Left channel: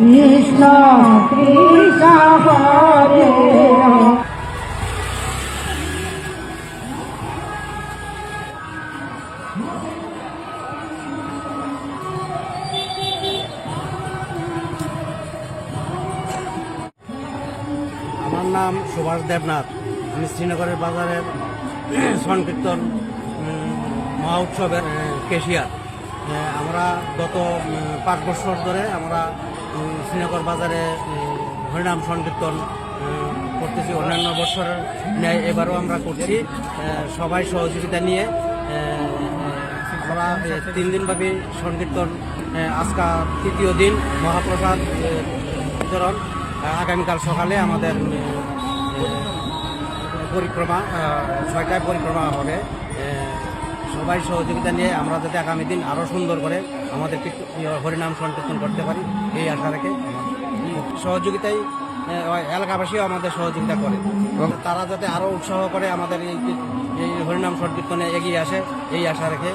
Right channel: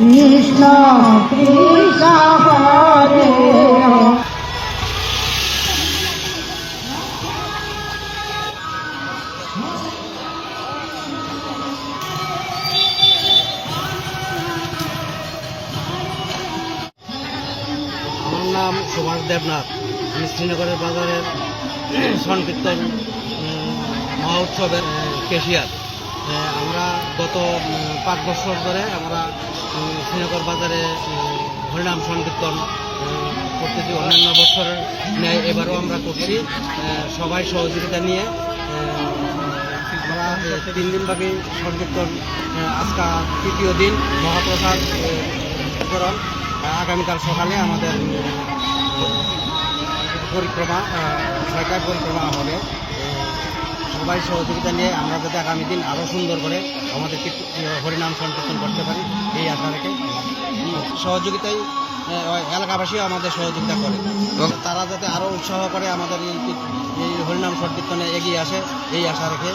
কৃষ্ণ কৃষ্ণ হরে আমার নাম সুভাষ দেবনাথ। আমি শ্রীনগরের বাজারের সংকীর্তন মহা উৎসবের ক্যাশিয়ার। আমরা গত 5 বছর ধরে আমরা শ্রীনগর বাজারে হরিনাম সংকীর্তন করতেছি। অন্যান্য বছরের ন্যায় এবারও আমরা করছি সবাই সহযোগিতা নিয়ে। আমরা 3 দিনব্যাপী সংকীর্তন, আজকা 3য় দিন মহাপ্রসাদ বিতরণ। আগামীকাল সকালে আমাদের পরিক্রমা 6টায় পরিক্রমা হবে। সবাই সহযোগিতা নিয়ে আমরা যাতে আগামী দিন আরও সুন্দর করে আমাদের হরিনাম সংকীর্তন করতে পারি এই আশা রেখে সহযোগিতায় এলাকাবাসীও আমাদের সহযোগিতা করে এবং তারা যাতে আরও উৎসাহ করে আমাদের এই হরিনাম সংকীর্তনে এগিয়ে আসে এই আশা রেখে